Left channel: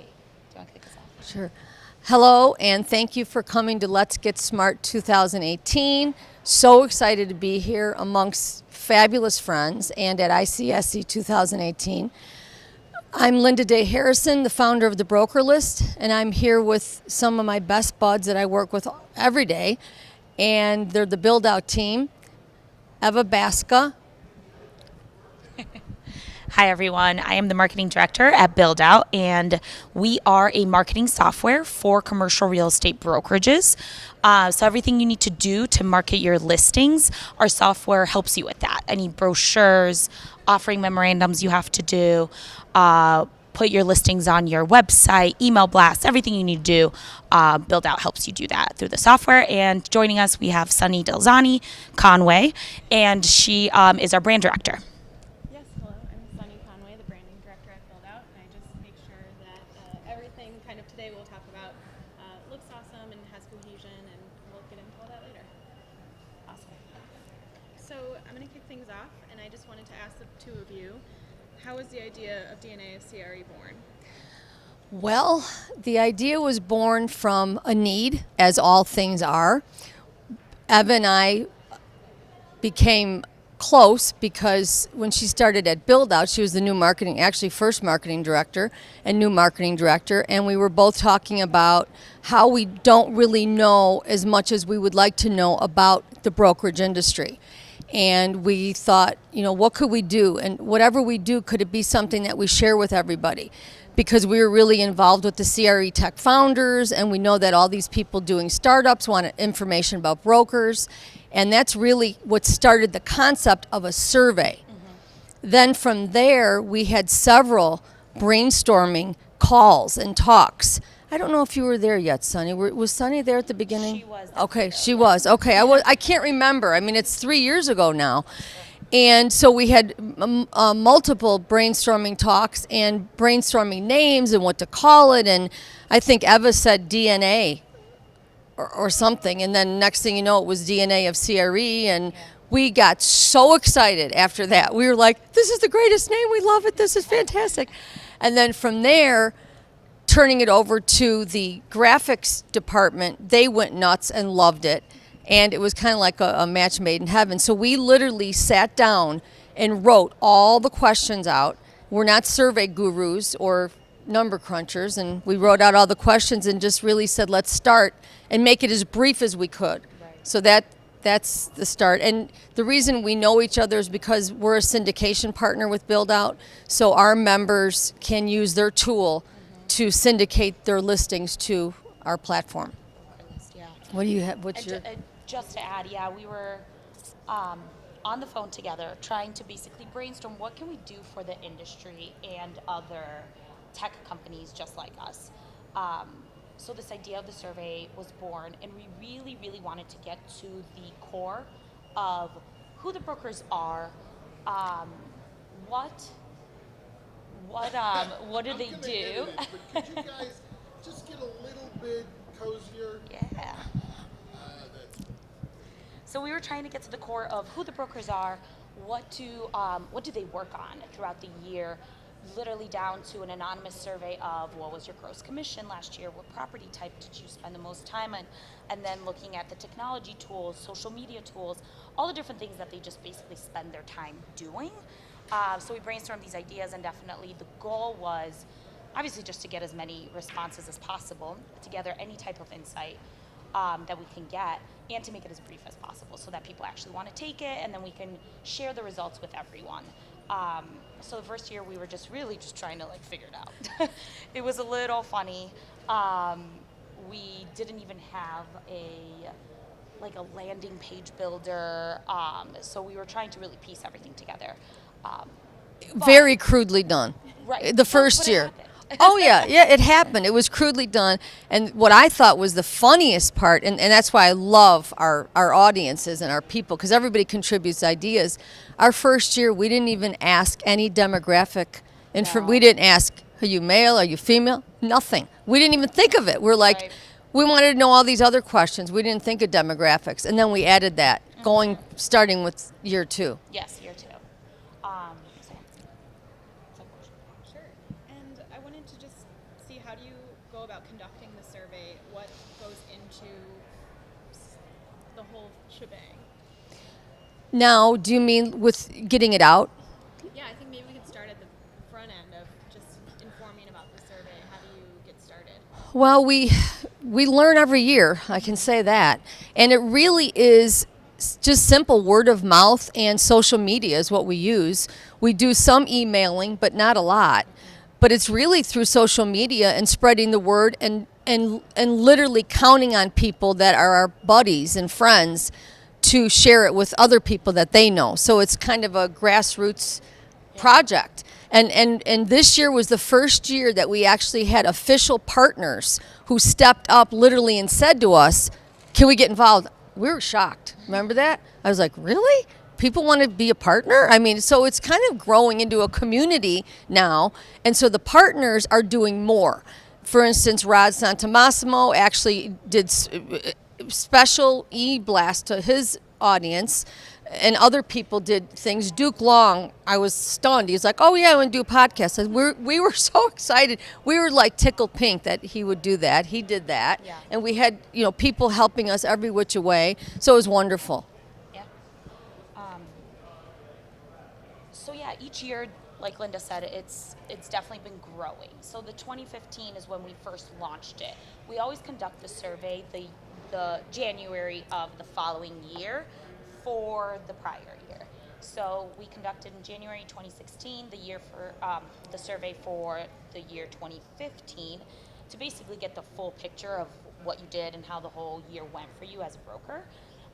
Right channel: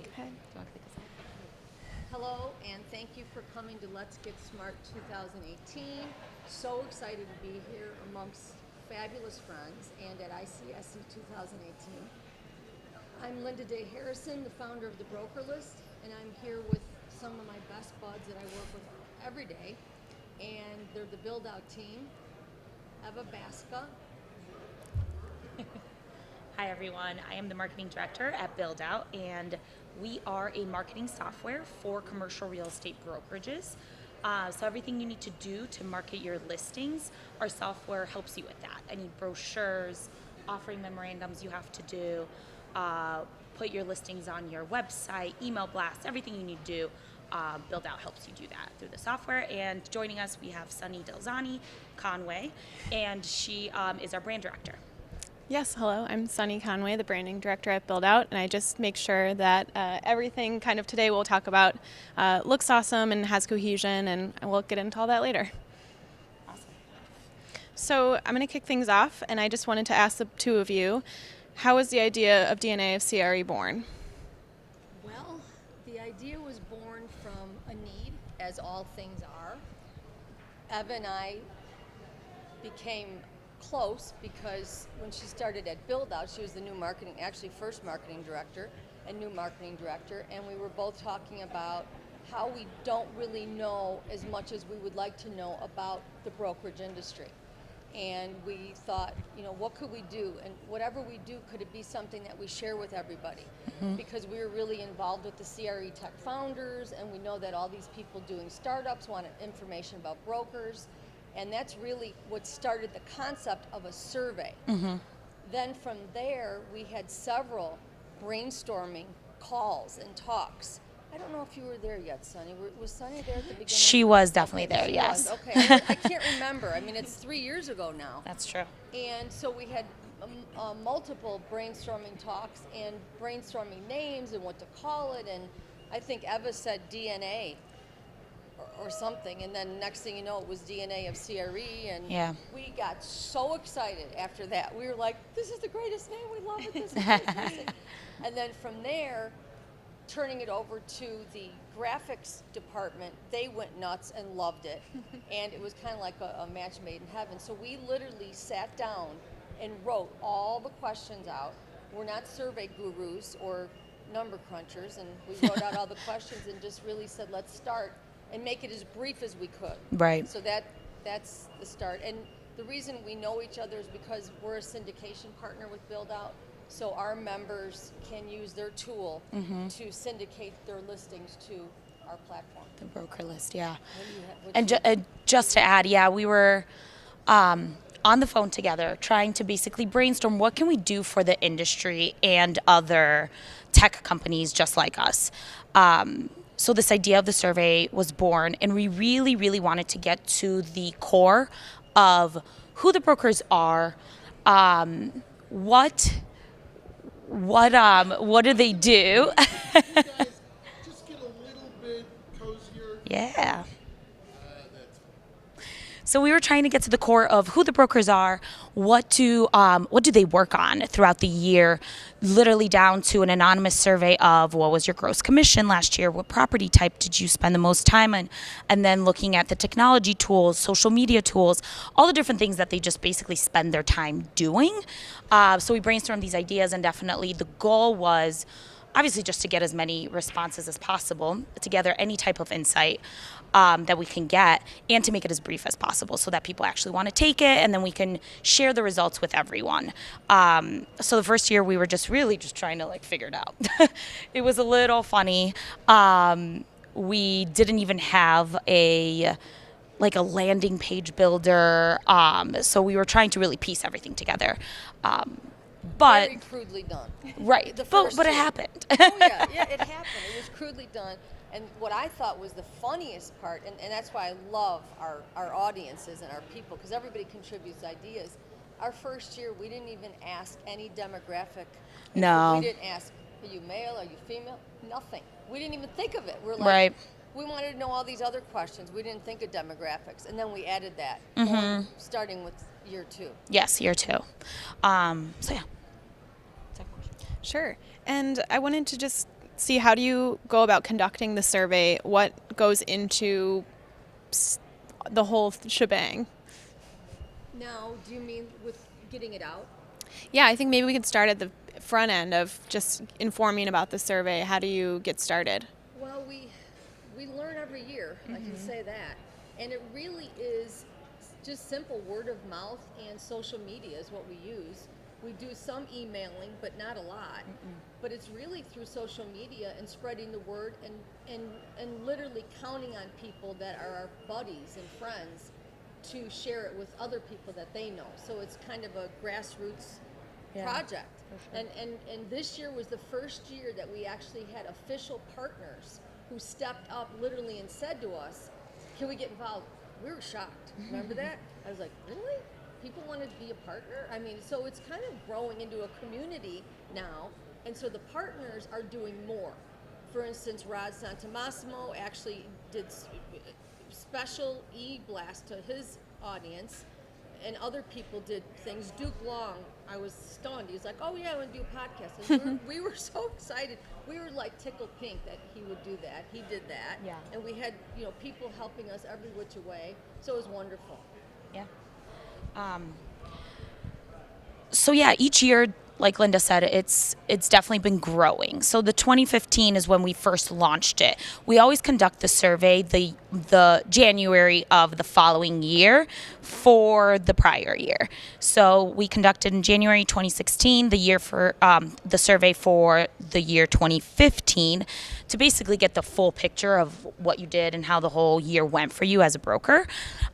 Do you want to kick us off? Sure. Hello, and thank you for coming to Let's Get Smart 2018. So excited to be here amongst fabulous friends and at ICSC 2018. I'm Linda Day Harrison, the founder of the Broker List, and I'm here with some of my best buds that I work with every day, and they're the Buildout team. Eva Baska. Hi, everyone. I am the marketing director at Buildout, and we are a marketing software for commercial real estate brokerages. So everything you need to do to market your listings, our software helps you with that. Any brochures, offering memorandums you have to do, put your listings on your website, email blasts, everything you need to do. Buildout helps you do that through the software. And joining us, we have Sonni Conway, and she is our brand director. Yes, hello. I'm Sonni Conway, the branding director at Buildout, and I just make sure that everything kind of today we'll talk about looks awesome and has cohesion, and we'll get into all that later. Awesome. So I'm going to kick things off, and I just wanted to ask the two of you, how was the idea of DNA of CRE born? Well, the idea was born from a need, as all things are. Eva and I became close because when she started at Buildout, she was the first marketing director and new marketing director, and we were both talking about how we don't really know as much as we would like to know about the brokerage industry. And we thought, what could we do? And whatever we do, could it be something that we share with everybody? Mm-hmm. Because we were really involved with the CRE tech founders, and we know that all these people doing startups wanted information about brokers. And that's really what started the concept of a survey. Mm-hmm. Then from there, we had several brainstorming calls and talks. I don't know if you were there yet, Sonni. Was Sonni there at the beginning? She was definitely there, she yes. was. Okay, I can't remember. I mean, it's 3 years ago now. That's true. And so we had multiple brainstorming talks and brainstorming names and what to call it. And I think Eva said DNA. Or something, and then next thing you know, it was DNA of CRE, and we got so excited after that. We were like, this is the greatest name, we love it, this is fantastic. And then from there, turning it over to the graphics department, they went nuts and loved it, and it was kind of like a match made in heaven. So we literally sat down and wrote all the questions out. We're not survey gurus or number crunchers, and we wrote out all the questions and just really said, let's start and make it as brief as we could. Right. So that's the start. And the reason we know each other is because we're a syndication partner with Buildout, so our members can use their tool to syndicate their listings to our platform. The broker list, yeah. What do you have? Just to add, we were on the phone together trying to basically brainstorm what can we do for the industry and other tech companies just like us. So this idea of the survey was born, and we really, really wanted to get to the core of who the brokers are, what do they do? You guys just get a little bit cozier. Yeah. So we were trying to get to the core of who the brokers are, what do they work on throughout the year, literally down to an anonymous survey of what was your gross commission last year, what property type did you spend the most time on, and then looking at the technology tools, social media tools, all the different things that they just basically spend their time doing. So we brainstormed these ideas, and definitely the goal was obviously just to get as many responses as possible, to gather any type of insight that we can get, and to make it as brief as possible so that people actually want to take it, and then we can share the results with everyone. So the first year we were just trying to figure it out. It was a little funny. We didn't even have a landing page builder, so we were trying to really piece everything together. Very crudely done. Right. The first but year. It happened. Oh, yeah, it happened. It was crudely done. And what I thought was the funniest part, and that's why I love our audiences and our people, because everybody contributes ideas. Our first year, we didn't even ask any demographic. No. We didn't ask, are you male, are you female? Nothing. We didn't even think of it. We're like, Right. We wanted to know all these other questions. We didn't think of demographics. And then we added that, starting with year 2. Yes, year 2. So yeah. Sure. And I wanted to just see, how do you go about conducting the survey? What goes into the whole shebang? Now, do you mean with getting it out? Yeah, I think maybe we can start at the front end of just informing about the survey. How do you get started? Well, we learn every year, I can say that. And it really is just simple word of mouth and social media is what we use. We do some emailing, but not a lot. But it's really through social media and spreading the word and literally counting on people that are our buddies and friends to share it with other people that they know. So it's kind of a grassroots project. And this year was the first year that we actually had official partners who stepped up literally and said to us, can we get involved? We were shocked. Remember that? I was like, really? People want to be a partner? I mean, so it's kind of growing into a community now. And so the partners are doing more. For instance, Rod Santamassimo actually did special e-blast to his audience, and other people did things. Duke Long, I was stunned. He's like, oh yeah, I want to do a podcast. And we were so excited. We were like tickled pink that he would do that. He did that. Yeah. And we had, people helping us every which way. So it was wonderful. Yeah. So yeah, each year, like Linda said, it's definitely been growing. So the 2015 is when we first launched it. We always conduct the survey the January of the following year for the prior year. So we conducted in January 2016 the year for the survey for the year 2015 to basically get the full picture of what you did and how the whole year went for you as a broker.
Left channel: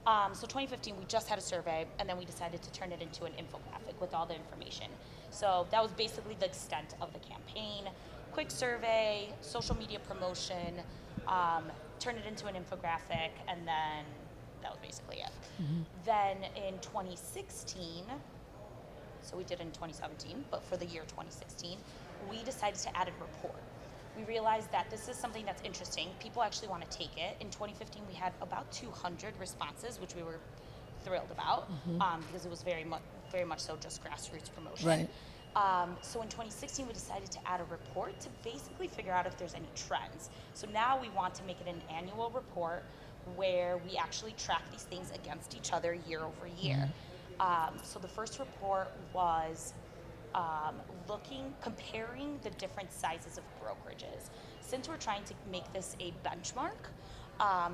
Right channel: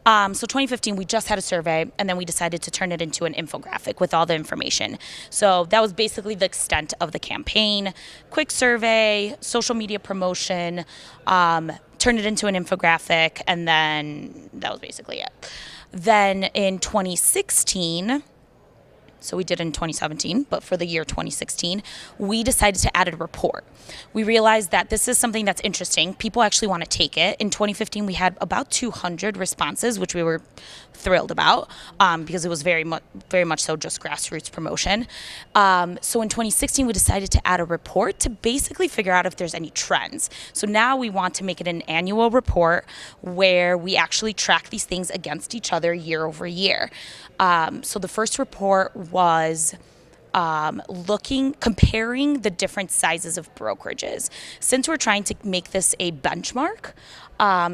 So 2015, we just had a survey, and then we decided to turn it into an infographic with all the information. So that was basically the extent of the campaign. Quick survey, social media promotion, turned it into an infographic, and then that was basically it. Then in 2016, so we did in 2017, but for the year 2016, we decided to add a report. We realized that this is something that's interesting. People actually want to take it. In 2015, we had about 200 responses, which we were thrilled about because it was very much so just grassroots promotion. Right. So in 2016, we decided to add a report to basically figure out if there's any trends. So now we want to make it an annual report where we actually track these things against each other year over year. So the first report was comparing the different sizes of brokerages. Since we're trying to make this a benchmark,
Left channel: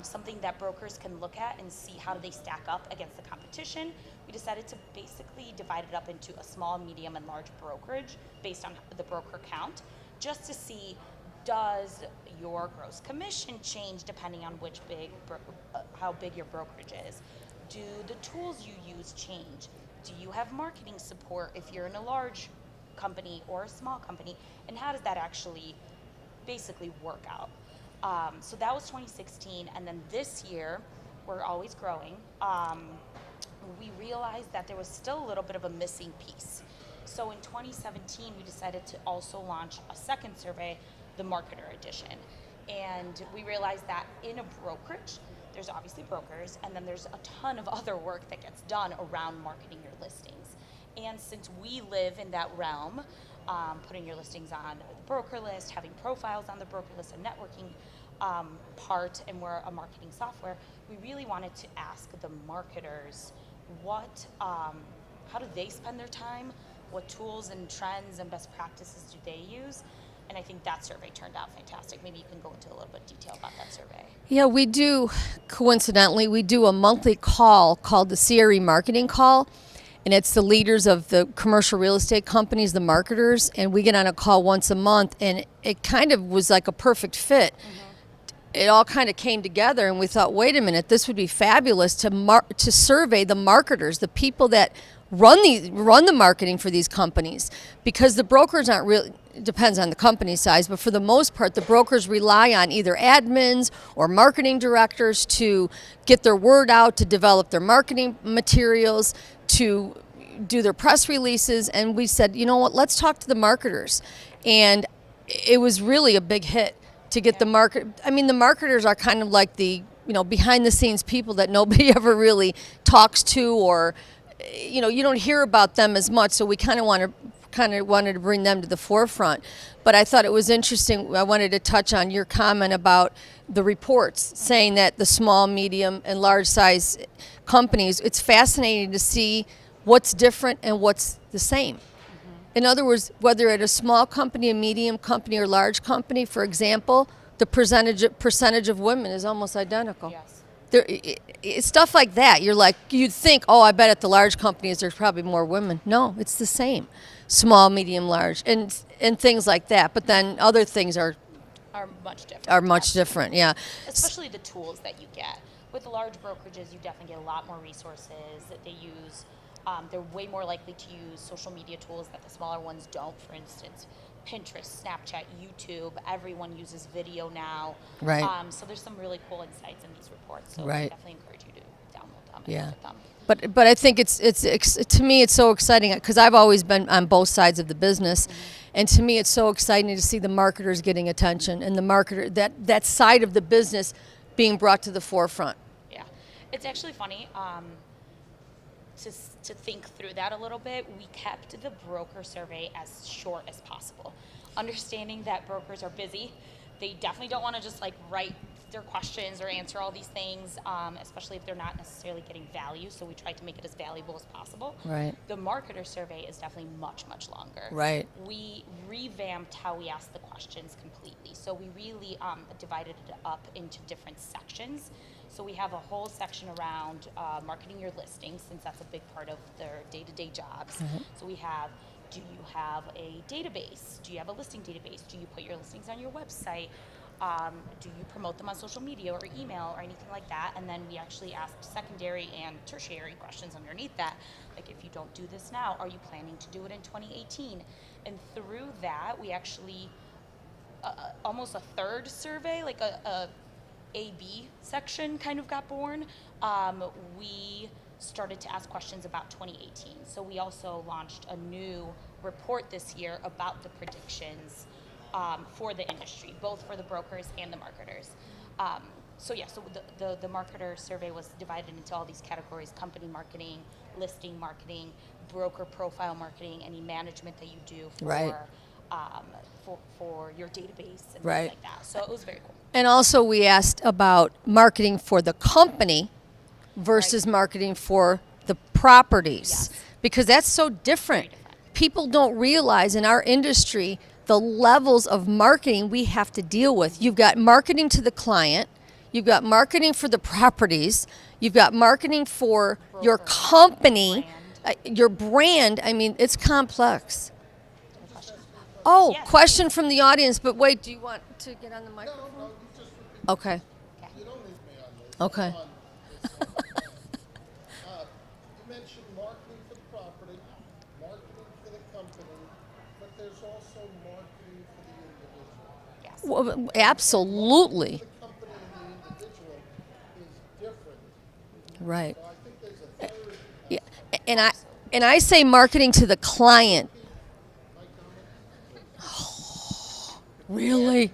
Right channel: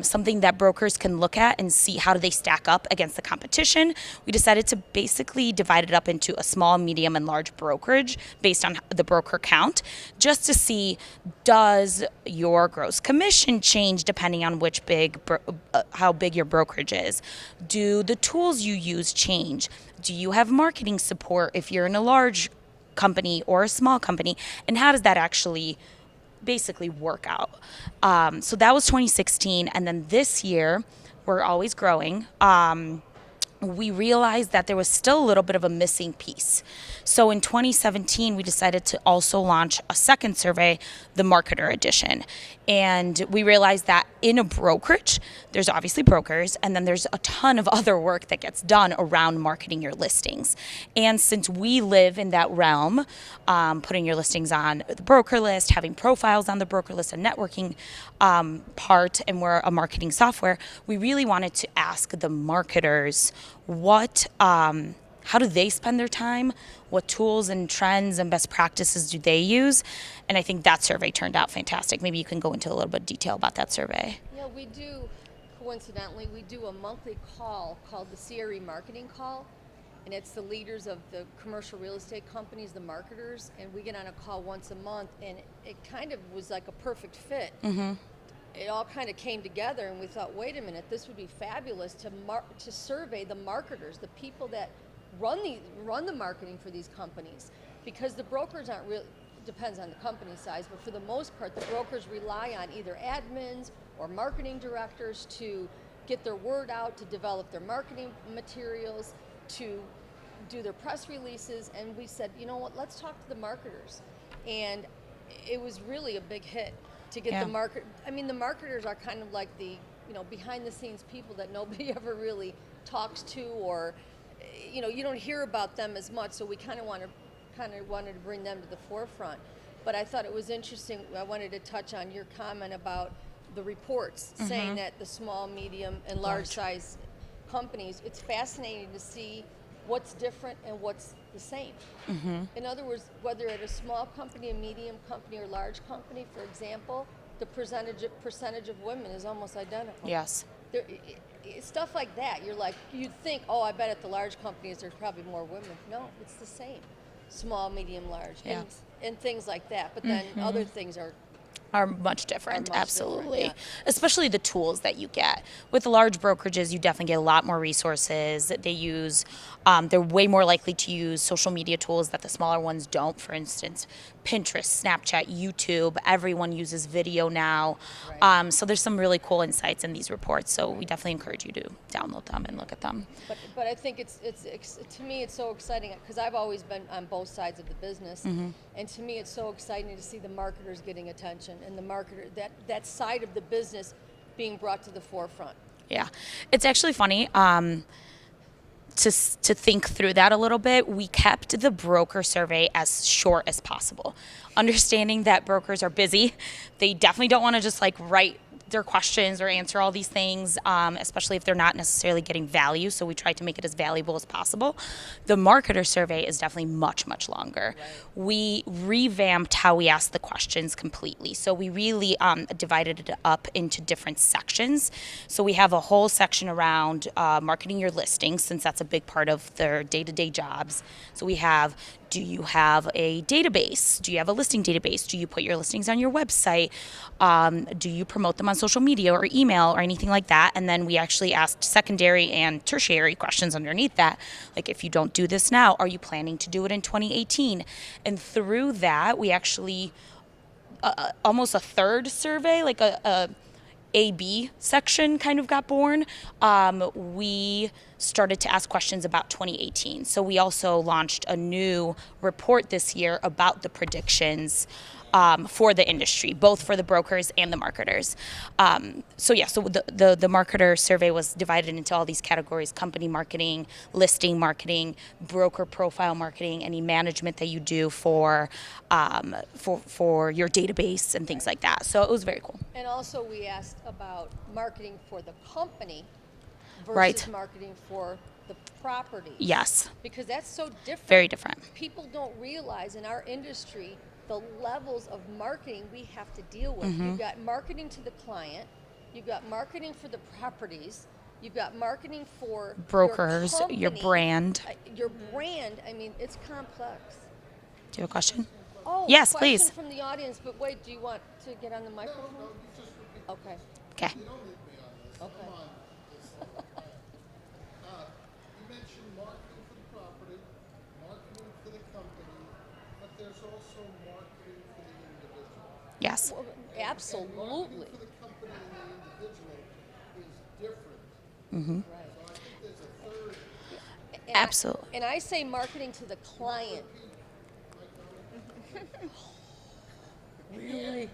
something that brokers can look at and see how do they stack up against the competition, we decided to basically divide it up into a small, medium, and large brokerage based on the broker count, just to see, does your gross commission change depending on which how big your brokerage is? Do the tools you use change? Do you have marketing support if you're in a large company or a small company? And how does that actually basically work out? So that was 2016. And then this year, we're always growing. We realized that there was still a little bit of a missing piece. So in 2017, we decided to also launch a second survey, the Marketer Edition. And we realized that in a brokerage, there's obviously brokers, and then there's a ton of other work that gets done around marketing your listings. And since we live in that realm, putting your listings on the broker list, having profiles on the broker list, a networking part, and we're a marketing software, we really wanted to ask the marketers how do they spend their time? What tools and trends and best practices do they use? And I think that survey turned out fantastic. Maybe you can go into a little bit of detail about that survey. Yeah, we do, coincidentally, we do a monthly call called the CRE Marketing Call. And it's the leaders of the commercial real estate companies, the marketers, and we get on a call once a month, and it kind of was like a perfect fit. Mm-hmm. It all kind of came together, and we thought, wait a minute, this would be fabulous to survey the marketers, the people that run the marketing for these companies, because the brokers aren't really, depends on the company size, but for the most part, the brokers rely on either admins or marketing directors to get their word out, to develop their marketing materials, to do their press releases. And we said, you know what, let's talk to the marketers. And it was really a big hit to get the market. I mean, the marketers are kind of like the, behind the scenes people that nobody ever really talks to, or, you don't hear about them as much. So we kind of want to kind of wanted to bring them to the forefront. But I thought it was interesting. I wanted to touch on your comment about the reports saying that the small, medium, and large size companies, it's fascinating to see what's different and what's the same. In other words, whether at a small company, a medium company, or large company, for example, the percentage of women is almost identical. Yes. It's stuff like that. You'd think, oh, I bet at the large companies there's probably more women. No, it's the same. Small, medium, large, and things like that. But then other things are much different. Different, yeah. Especially the tools that you get. With large brokerages, you definitely get a lot more resources. They use, they're way more likely to use social media tools that the smaller ones don't. For instance, Pinterest, Snapchat, YouTube, everyone uses video now. Right. So there's some really cool insights in these reports. So we Right. definitely encourage you to download them and Yeah. look at them. But I think it's to me it's so exciting because I've always been on both sides of the business, and to me it's so exciting to see the marketers getting attention and the marketer that side of the business being brought to the forefront. Yeah, it's actually funny to think through that a little bit. We kept the broker survey as short as possible, understanding that brokers are busy. They definitely don't want to just like write their questions or answer all these things, especially if they're not necessarily getting value. So we try to make it as valuable as possible. Right. The marketer survey is definitely much, much longer. Right. We revamped how we asked the questions completely. So we really divided it up into different sections. So we have a whole section around marketing your listings, since that's a big part of their day-to-day jobs. So we have, do you have a database? Do you have a listing database? Do you put your listings on your website? Do you promote them on social media or email or anything like that? And then we actually asked secondary and tertiary questions underneath that. Like, if you don't do this now, are you planning to do it in 2018? And through that, we actually, almost a third survey, like a A-B section kind of got born. We started to ask questions about 2018. So we also launched a new report this year about the predictions for the industry, both for the brokers and the marketers. So the marketer survey was divided into all these categories: company marketing, listing marketing, broker profile marketing, any management that you do for your database and things Right. like that. So it was very cool. And also we asked about marketing for the company versus Right. marketing for the properties. Yes. Because that's so different. Very different. People don't realize in our industry the levels of marketing we have to deal with. You've got marketing to the client, you've got marketing for the properties, you've got marketing for your Brokers, your company, brand. Your brand. I mean, it's complex. Do you have a question? Oh, Yes, question please. from the audience. But wait, do you want to get on the microphone? Okay. Okay. You don't need me on this. Okay. I'm on this all the time. You mentioned marketing for the property, marketing for the company, but there's also marketing for the individual. Yes. Well, absolutely. The company and the individual is different. Right. So I think there's a third. Yeah. And Absolutely. and I say marketing to the client. Really?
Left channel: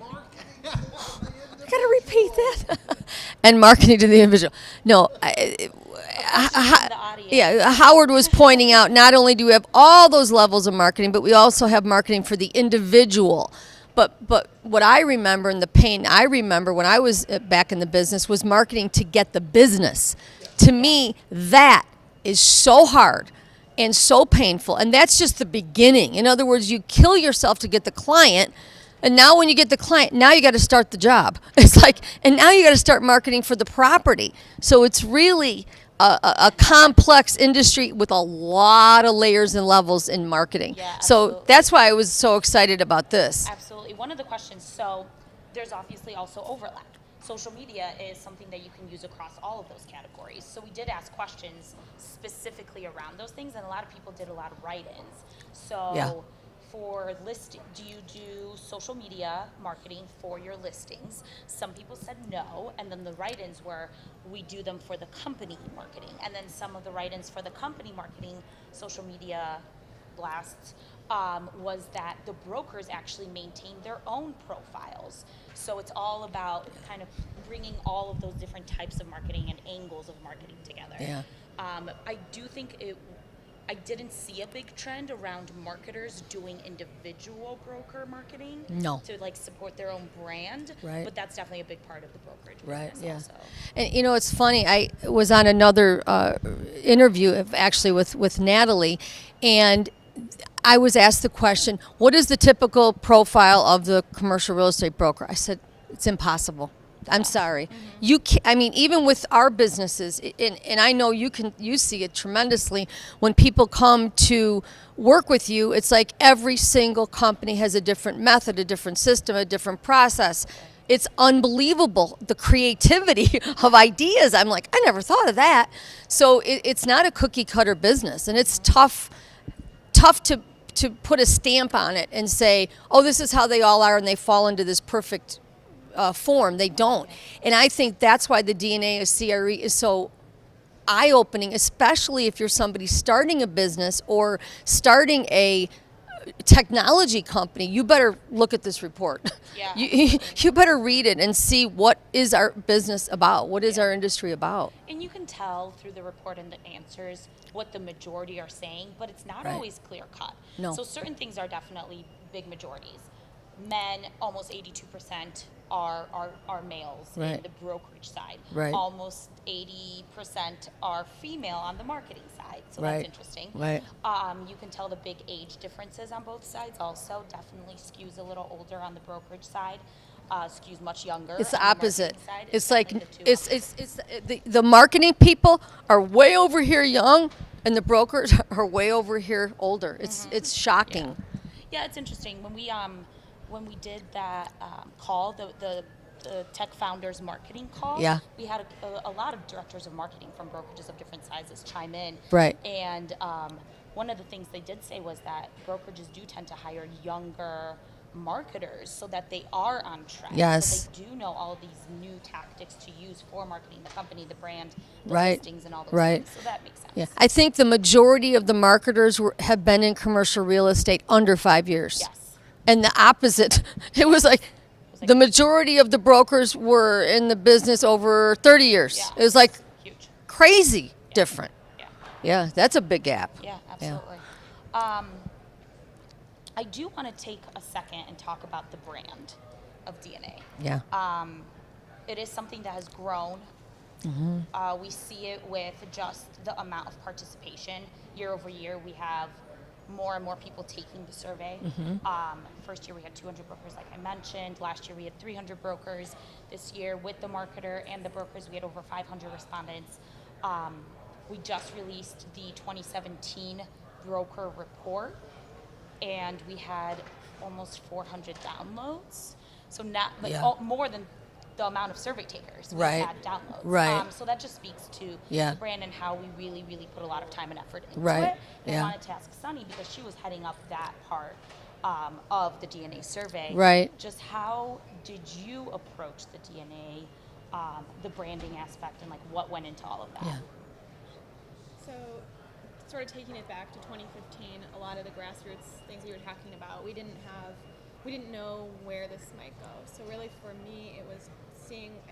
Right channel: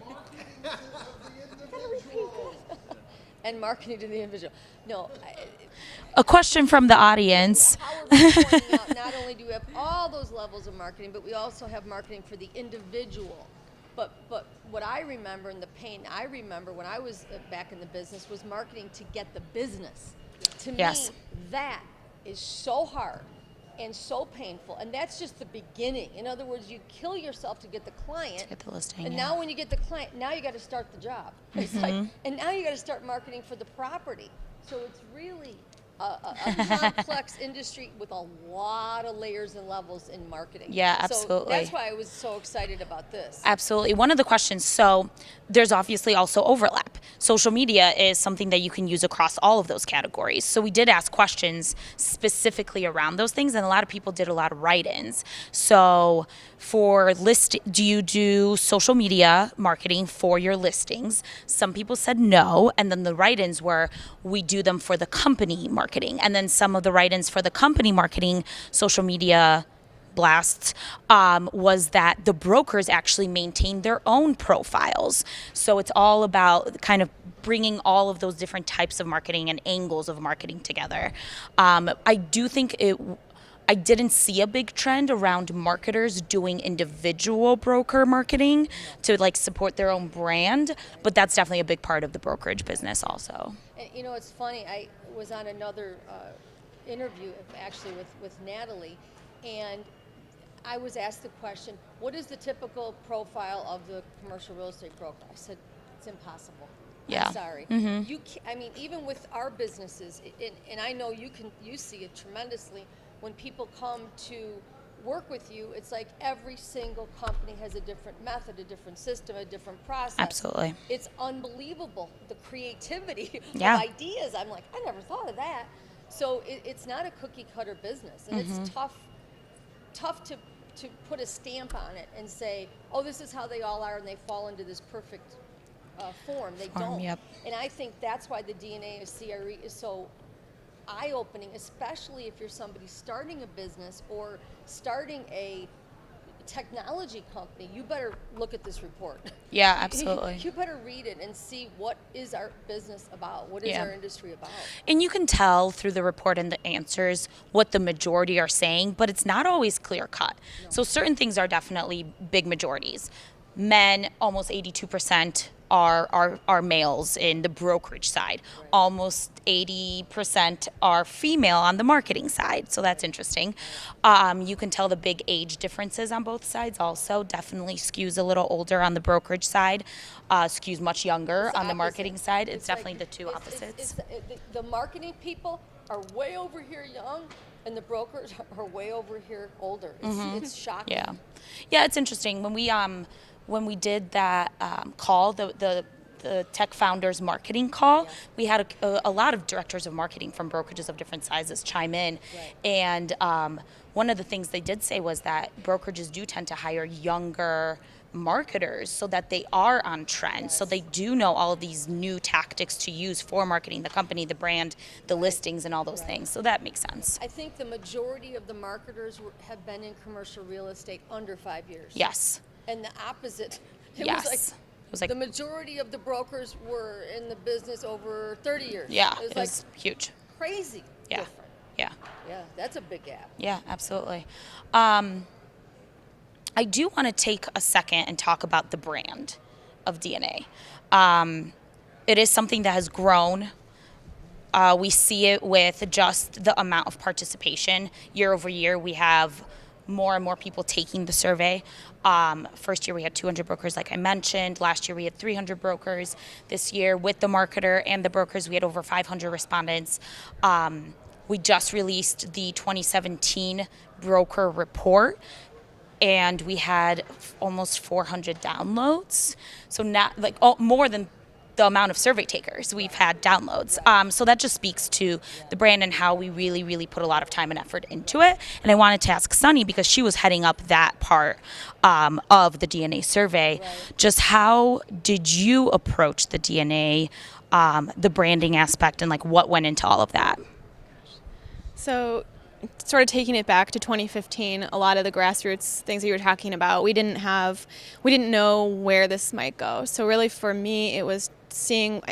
I gotta repeat that. And marketing to the individual. No. A question from the audience. Yeah, Howard was pointing out not only do we have all those levels of marketing, but we also have marketing for the individual. But what I remember and the pain I remember when I was back in the business was marketing to get the business. To me, that is so hard and so painful. And that's just the beginning. In other words, you kill yourself to get the client. And now when you get the client, now you got to start the job. It's like, and now you got to start marketing for the property. So it's really a complex industry with a lot of layers and levels in marketing. Yeah, So absolutely. that's why I was so excited about this. Absolutely. One of the questions, so there's obviously also overlap. Social media is something that you can use across all of those categories. So we did ask questions specifically around those things, and a lot of people did a lot of write-ins. So for do you do social media marketing for your listings? Some people said no, and then the write-ins were, we do them for the company marketing. And then some of the write-ins for the company marketing, social media blasts, was that the brokers actually maintain their own profiles. So it's all about kind of bringing all of those different types of marketing and angles of marketing together. I do think I didn't see a big trend around marketers doing individual broker marketing No. to like support their own brand, Right. but that's definitely a big part of the brokerage business yeah. also. And you know, it's funny. I was on another interview, actually, with Natalie, and I was asked the question, "What is the typical profile of the commercial real estate broker?" I said, "It's impossible. I'm Yeah. sorry. You can, I mean, even with our businesses, and I know you see it tremendously when people come to work with you. It's like every single company has a different method, a different system, a different process. Absolutely. It's unbelievable, the creativity of Yeah. ideas. I'm like, I never thought of that. So it's not a cookie cutter business, and it's tough to put a stamp on it and say, oh, this is how they all are, and they fall into this perfect form. They don't. Yep. And I think that's why the DNA of CRE is so eye-opening, especially if you're somebody starting a business or starting a technology company. You better look at this report. Yeah, You- absolutely. You better read it and see what is our business about. What is Yeah. our industry about? And you can tell through the report and the answers what the majority are saying, but it's not always clear cut. No. So certain things are definitely big majorities. Men, almost 82% are males in Right. the brokerage side. Right. Almost 80% are female on the marketing side. So that's Right. interesting. Right. You can tell the big age differences on both sides also. Definitely skews a little older on the brokerage side, skews much younger It's the on the opposite. marketing side. It's definitely like the two it's opposites. the marketing people are way over here young, and the brokers are way over here older. It's shocking. Yeah, it's interesting when we did that call, the tech founders marketing call. Yeah. We had a lot of directors of marketing from brokerages of different sizes chime in. Right. And one of the things they did say was that brokerages do tend to hire younger marketers so that they are on trend. Yes. So they do know all of these new tactics to use for marketing the company, the brand, the Right. listings, and all those Right. things. So that makes sense. Yeah. I think the majority of the marketers have been in commercial real estate under 5 years. Yes. And the opposite. It was Yes. like It was like- the majority of the brokers were in the business over 30 years. Yeah. It was like huge. crazy Yeah. different. Yeah. Yeah, that's a big gap. Yeah, absolutely. I do want to take a second and talk about the brand of DNA. Yeah. It is something that has grown. We see it with just the amount of participation. Year over year, we have more and more people taking the survey. First year, we had 200 brokers, like I mentioned. Last year, we had 300 brokers. This year, with the marketer and the brokers, we had over 500 respondents. We just released the 2017 broker report, and we had almost 400 downloads. So not like Yeah. more than the amount of survey takers we've Right. had downloads. Right. So that just speaks to Yeah. the brand and how we really, really put a lot of time and effort into Right. it. And I Yeah. wanted to ask Sonni, because she was heading up that part of the DNA survey. Right. Just how did you approach the DNA, the branding aspect, and like what went into all of that? So, sort of taking it back to 2015, a lot of the grassroots things that you were talking about, we didn't know where this might go. So really, for me, it was seeing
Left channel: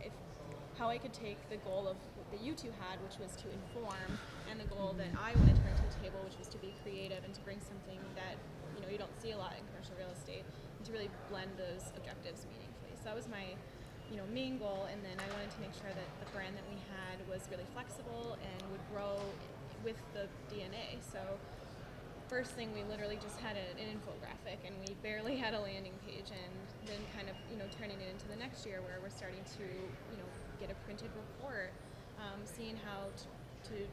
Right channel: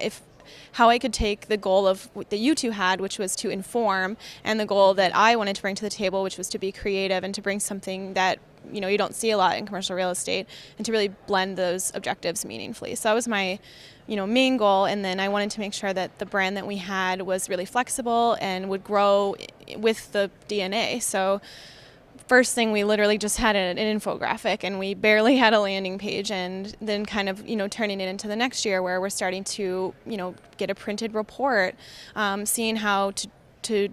how I could take the goal of that you two had, which was to inform, and the goal that I wanted to bring to the table, which was to be creative and to bring something that you don't see a lot in commercial real estate, and to really blend those objectives meaningfully. So that was my main goal, and then I wanted to make sure that the brand that we had was really flexible and would grow with the DNA. So first thing, we literally just had an infographic, and we barely had a landing page, and then kind of turning it into the next year where we're starting to get a printed report, seeing how to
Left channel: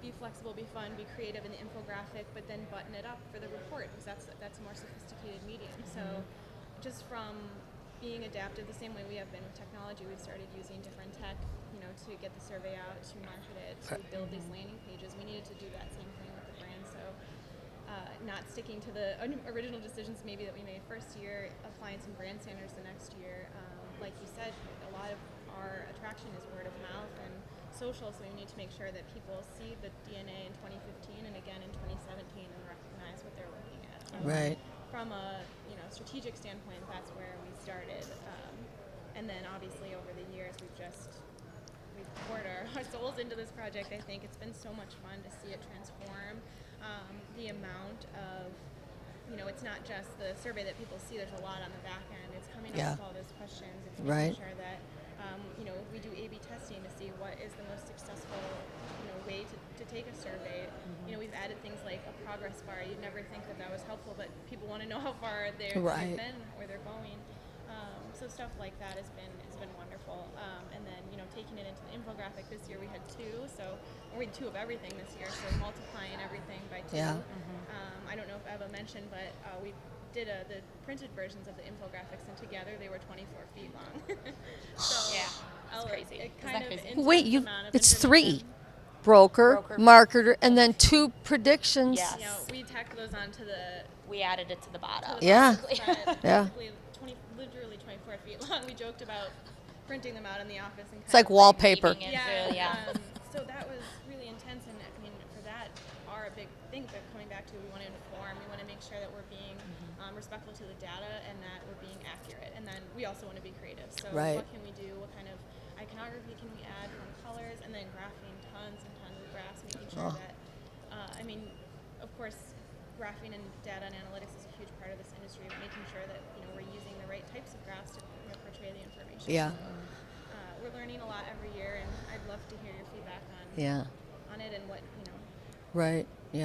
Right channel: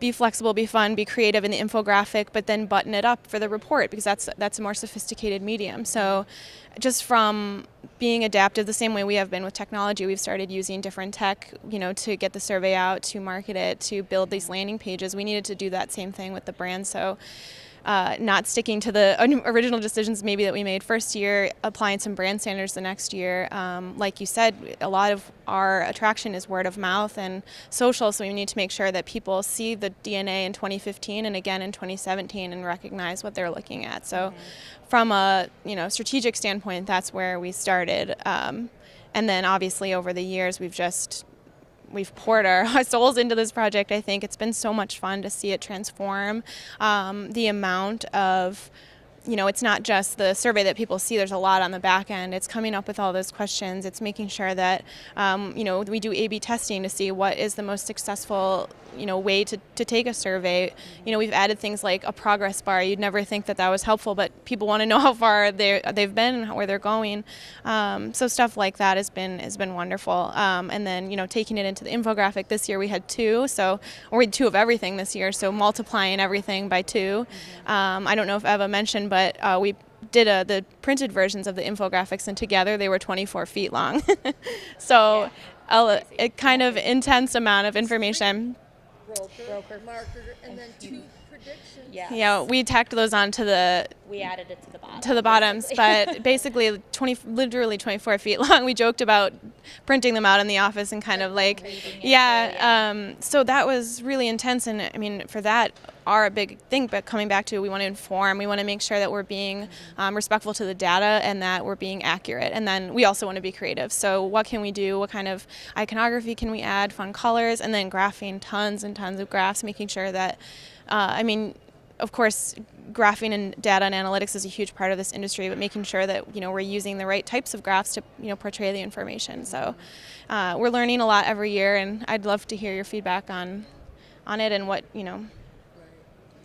be flexible, be fun, be creative in the infographic, but then button it up for the report, because that's a more sophisticated medium. So just from being adaptive the same way we have been with technology, we've started using different tech, to get the survey out, to market it, to build these landing pages. We needed to do that same thing with the brand. So not sticking to the original decisions maybe that we made first year, applying some brand standards the next year. Like you said, a lot of our attraction is word of mouth and social, so we need to make sure that people see the DNA in 2015 and again in 2017 and recognize what they're looking at. So Right. from a strategic standpoint, that's where we started. And then obviously over the years, we've just we've poured our souls into this project. I think it's been so much fun to see it transform. The amount of, it's not just the survey that people see. There's a lot on the back end. It's coming up with all those questions. It's making sure that, we do A/B testing to see what is the most successful, way to take a survey. We've added things like a progress bar. You'd never think that was helpful, but people want to know how far they've been and where they're going. So stuff like that has been wonderful. And then, taking it into the infographic this year, we had two of everything this year. So multiplying everything by two. I don't know if Eva mentioned, but we did the printed versions of the infographics, and together they were 24 feet long. So a kind of intense amount of information. 3. Broker, marketer, and then 2 predictions. Yes. Yeah, we tacked those onto we added it to the bottom. To the bottoms, but basically literally 24 feet long. We joked about printing them out in the office and kind it's of like wallpaper. So that was really intense, and I mean, for that, are a big thing, but coming back to, we want to inform, we want to make sure that we're being respectful to the data and that we're being accurate, and then we also want to be creative. So what can we do? What kind of iconography can we add? Fun colors, and then graphing tons and tons of graphs, making sure that, of course, graphing and data and analytics is a huge part of this industry, but making sure that we're using the right types of graphs to portray the information. Yeah. So we're learning a lot every year, and I'd love to hear your feedback on it and what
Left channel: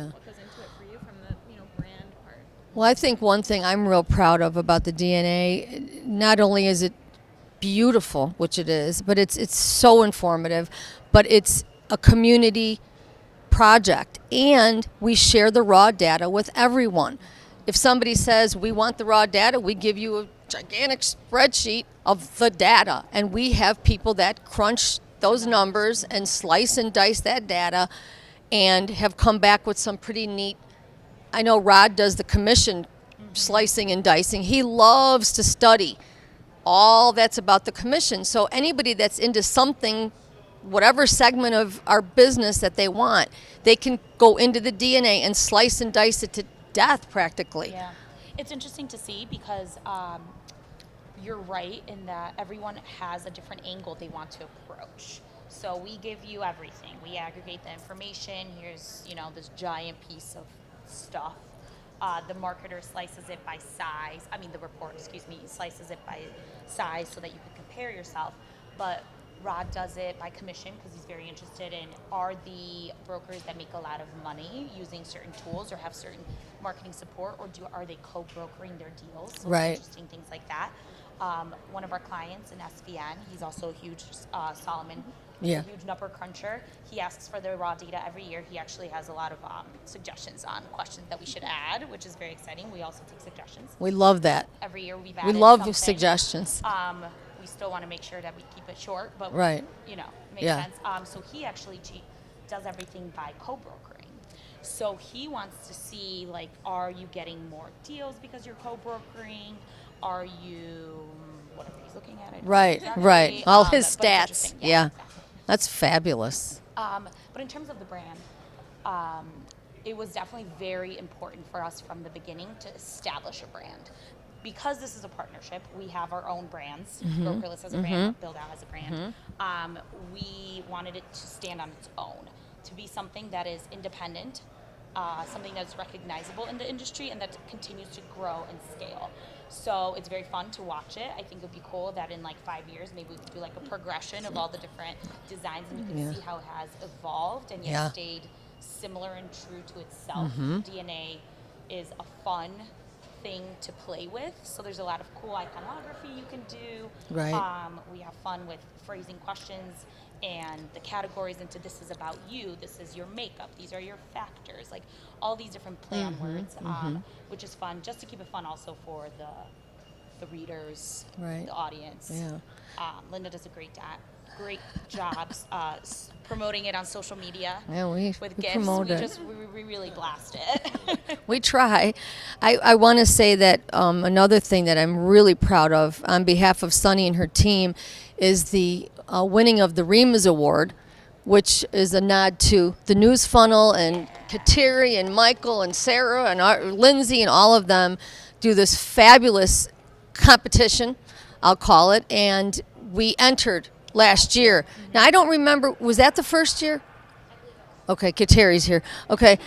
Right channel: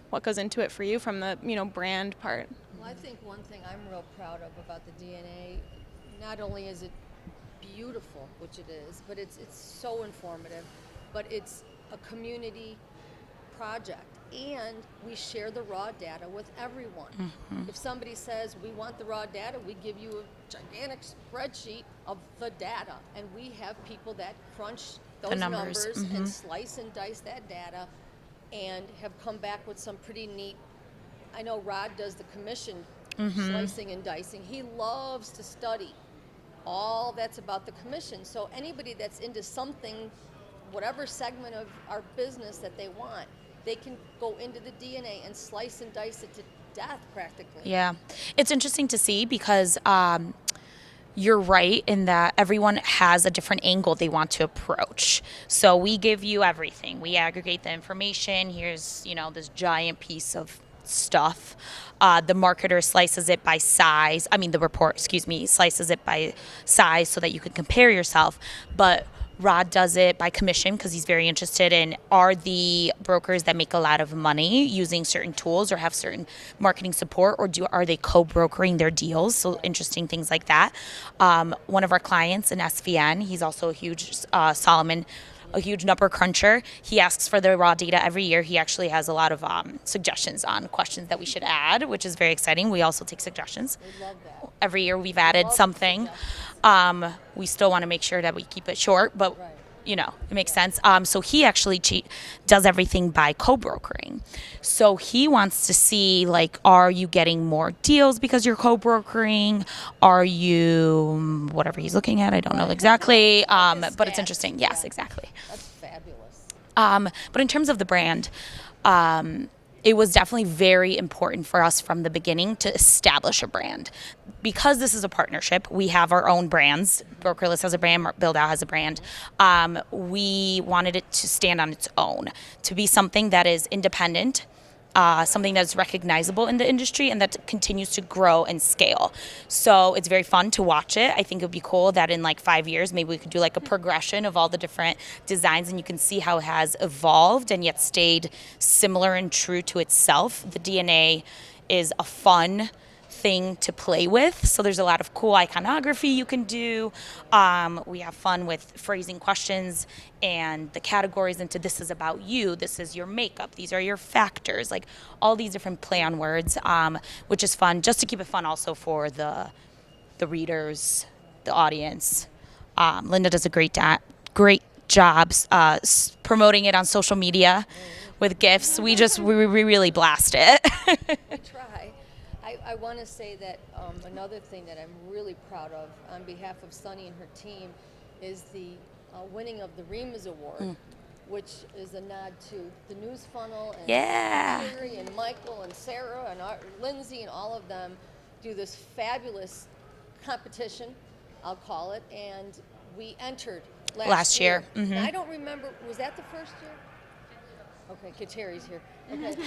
what goes into it for you from the brand part. Well, I think one thing I'm real proud of about the DNA, not only is it beautiful, which it is, but it's so informative, but it's a community project, and we share the raw data with everyone. Mm-hmm. If somebody says we want the raw data, we give you a gigantic spreadsheet of the data, and we have people that crunch those numbers and slice and dice that data and have come back with some pretty neat. I know Rod does the commission slicing and dicing. He loves to study all that's about the commission. So anybody that's into something, whatever segment of our business that they want, they can go into the DNA and slice and dice it to death practically. Yeah. It's interesting to see because you're right in that everyone has a different angle they want to approach. So we give you everything. We aggregate the information. Here's, this giant piece of stuff. The marketer slices it by size. The report, slices it by size so that you can compare yourself. But Rod does it by commission because he's very interested in, are the brokers that make a lot of money using certain tools or have certain marketing support, or are they co-brokering their deals? So interesting things like that. One of our clients in SVN, he's also a huge Solomon, a huge number cruncher. He asks for the raw data every year. He actually has a lot of suggestions on questions that we should add, which is very exciting. We also take suggestions. We love that. Every year we've added something. Suggestions. We still want to make sure that we keep it short, but it makes sense. So he actually does everything by co-brokering. So he wants to see, are you getting more deals because you're co-brokering? Are you, whatever he's looking at, I don't know exactly. All his stats. But it's interesting. Yes, exactly. That's fabulous. But in terms of the brand, it was definitely very important for us from the beginning to establish a brand. Because this is a partnership, we have our own brands. Brokerless has a brand, Buildout has a brand. We wanted it to stand on its own, to be something that is independent, something that's recognizable in the industry and that continues to grow and scale. So it's very fun to watch it. I think it would be cool that in 5 years, maybe we could do a progression of all the different designs, and you can see how it has evolved and yet stayed similar and true to itself. The DNA is a fun thing to play with, so there's a lot of cool iconography you can do. We have fun with phrasing questions and the categories into, this is about you, this is your makeup, these are your factors, all these different play on words, which is fun, just to keep it fun also for the readers, the audience. Linda does a great job promoting it on social media with GIFs. We really blast it. We try. I want to say that another thing that I'm really proud of on behalf of Sonni and her team is the winning of the Remus Award, which is a nod to the News Funnel and Kateri and Michael and Sarah and Lindsay and all of them do this fabulous competition, I'll call it, and we entered last year. Mm-hmm. Now, I don't remember, was that the first year? Okay, Kateri's here. Okay,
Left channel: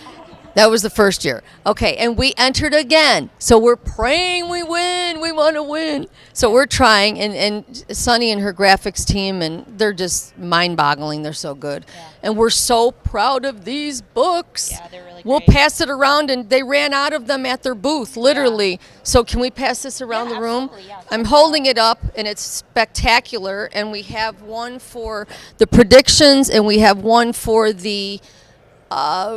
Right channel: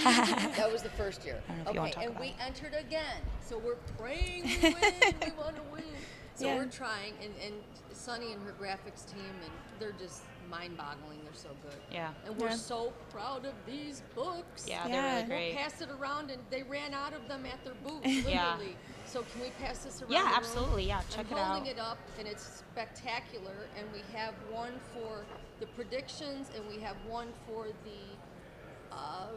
that was the first year. Okay, and we entered again. So we're praying we win. We want to win. So we're trying, and Sonni and her graphics team, and they're just mind-boggling. They're so good. Yeah. And we're so proud of these books. Yeah, they're really We'll great. pass it around, and they ran out of them at their booth, literally. So can we pass this around Yeah, the room? absolutely, yeah. I'm holding it up, and it's spectacular. And we have one for the predictions, and we have one for the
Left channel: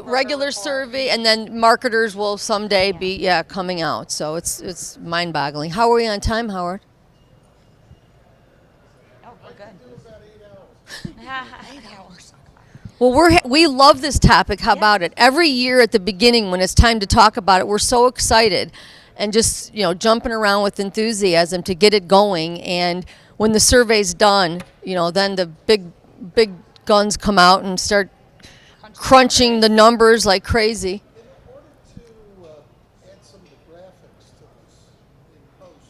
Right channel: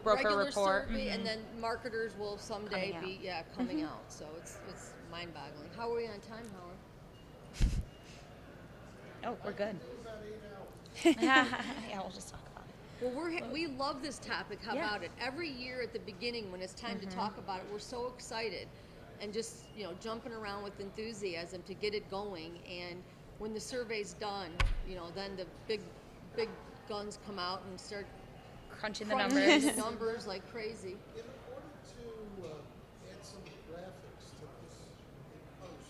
regular report. survey, and then marketers will someday be coming out. So it's mind-boggling. How are we on time, Howard? Oh, we're good. Yeah, Well, we love this topic. How about it? Every year at the beginning, when it's time to talk about it, we're so excited, and just jumping around with enthusiasm to get it going. And when the survey's done, then the big guns come out and start crunching the numbers like crazy. In order to add some of the graphics to this in post,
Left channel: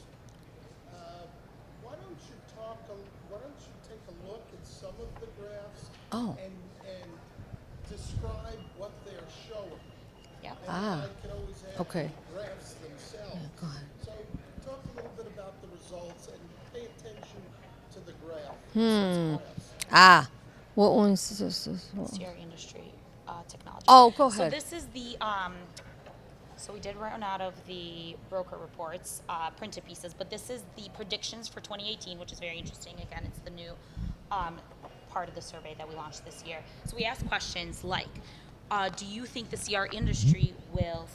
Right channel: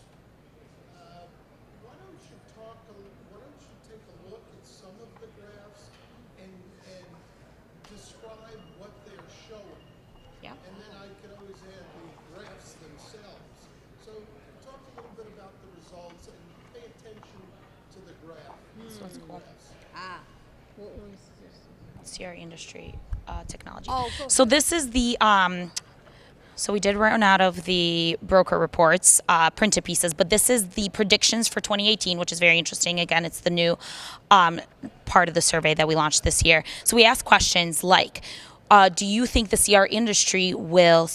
why don't you take a look at some of the graphs Oh. and describe what they're showing. Yeah. And I can always add Okay. the graphs themselves. go ahead. So talk a little bit about the results and pay attention to the graph. What one's this? CRE industry technology. Oh, go So ahead. this is the so we did run out of the broker reports, printed pieces, but this is the predictions for 2018, which is very interesting. Again, it's the new part of the survey that we launched this year. So we asked questions like, do you think the CRE industry will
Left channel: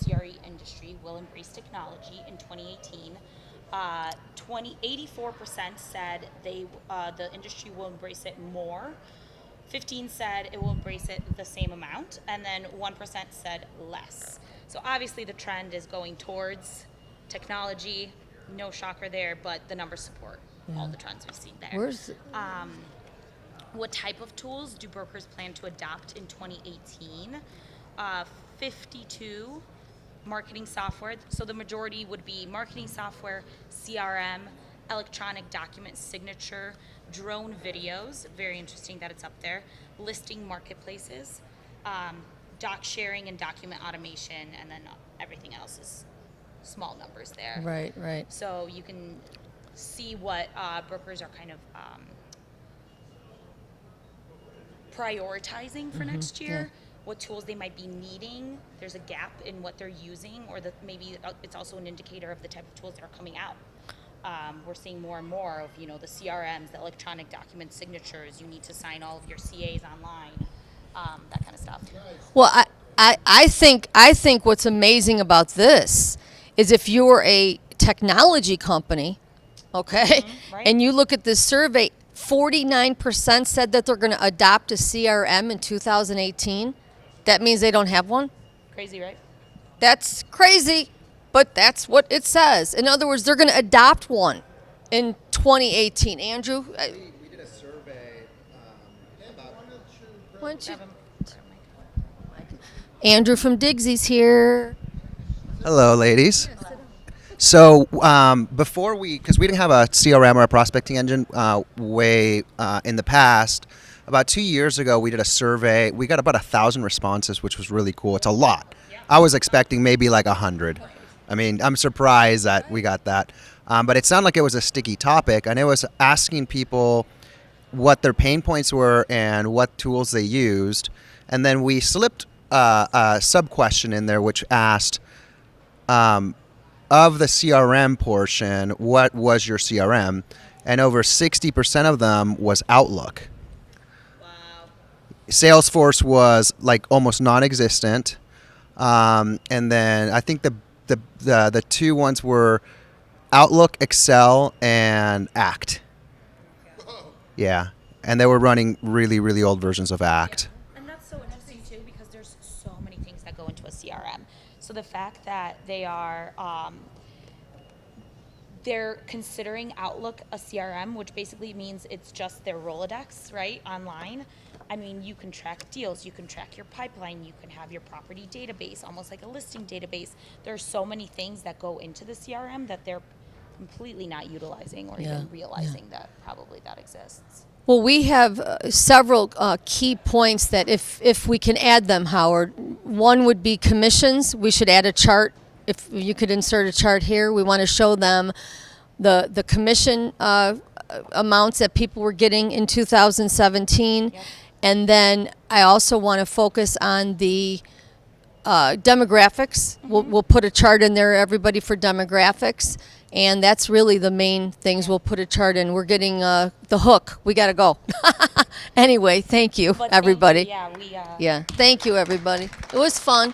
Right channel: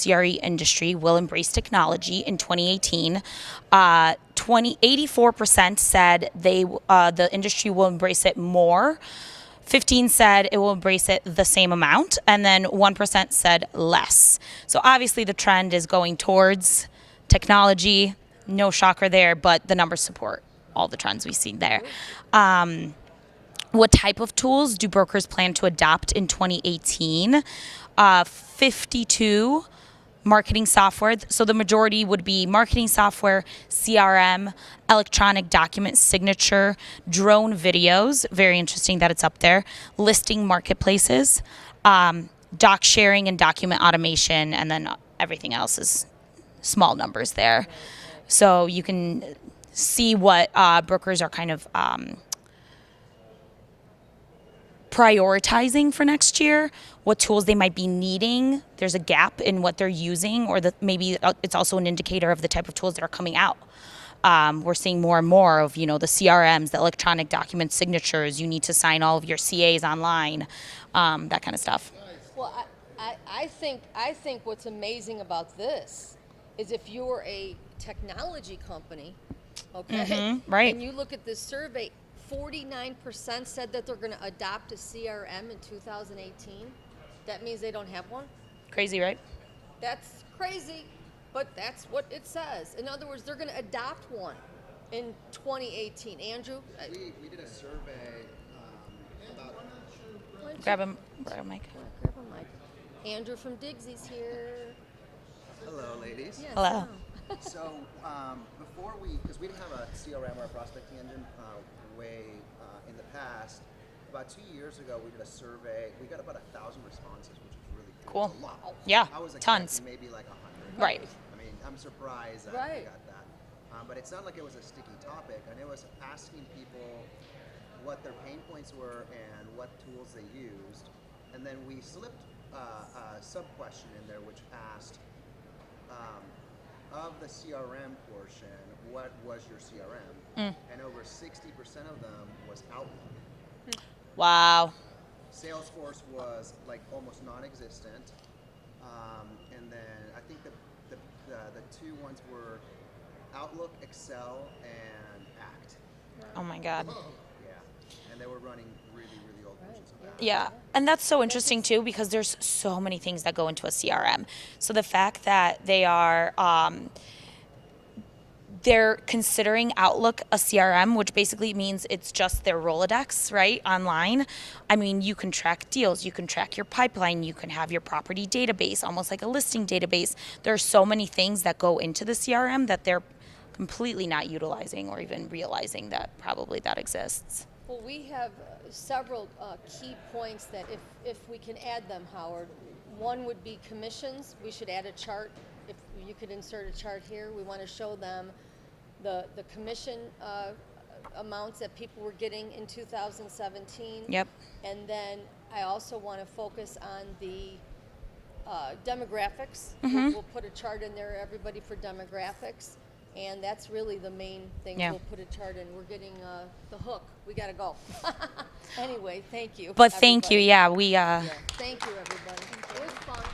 embrace technology in 2018? 84% said the industry will embrace it more. 15 said it will embrace it the same amount, and then 1% said less. So obviously the trend is going towards technology. No shocker there, but the numbers support all the trends we've seen there. What type of tools do brokers plan to adopt in 2018? 52 marketing software. So the majority would be marketing software, CRM, electronic document signature, drone videos. Very interesting that it's up there. Listing marketplaces, doc sharing and document automation, and then everything else is small numbers there. Right. So you can see what brokers are kind of prioritizing for next year, what tools they might be needing. There's a gap in what they're using, or maybe it's also an indicator of the type of tools that are coming out. We're seeing more and more of, the CRMs, the electronic document signatures. You need to sign all of your CAs online, that kind of stuff. Well, I think what's amazing about this is if you're a technology company, okay, right. and you look at this survey, 49% said that they're going to adopt a CRM in 2018. That means they don't have one. Crazy, right? That's crazy, but that's what it says. In other words, they're going to adopt one in 2018. Andrew? We did a survey about Grab a mic. Andrew from Digsy's here. Hello, ladies. Hello. So before because we didn't have a CRM or a prospecting engine way in the past, about 2 years ago we did a survey. We got about 1,000 responses, which was really cool. It's a lot. Yeah, I was tons. expecting maybe like 100. Right. I mean, I'm surprised that we got that. But it sounded like it was a sticky topic, and it was asking people what their pain points were and what tools they used. And then we slipped a sub-question in there which asked, of the CRM portion, what was your CRM? And over 60% of them was Outlook. Wow. Salesforce was like almost non-existent. And then I think the two ones were Outlook, Excel, and Act. Oh my God. Yeah. And they were running really, really old versions of Act. Yeah. And that's so interesting too, because there's so many things that go into a CRM. So the fact that they are, they're considering Outlook a CRM, which basically means it's just their Rolodex, right, online. I mean, you can track deals, you can track your pipeline, you can have your property database, almost like a listing database. There are so many things that go into the CRM that they're completely not utilizing or even realizing that probably that exists. Well, we have several key points that if we can add them, Howard. One would be commissions. We should add a chart. If you could insert a chart here, we want to show them the commission amounts that people were getting in 2017. Yep. And then I also want to focus on the demographics. We'll put a chart in there, everybody, for demographics. And that's really the main things Yeah. we'll put a chart in. We're getting the hook. We got to go. Anyway, thank you, But everybody. thank you. Yeah, we Yeah, thank you, everybody. It was fun.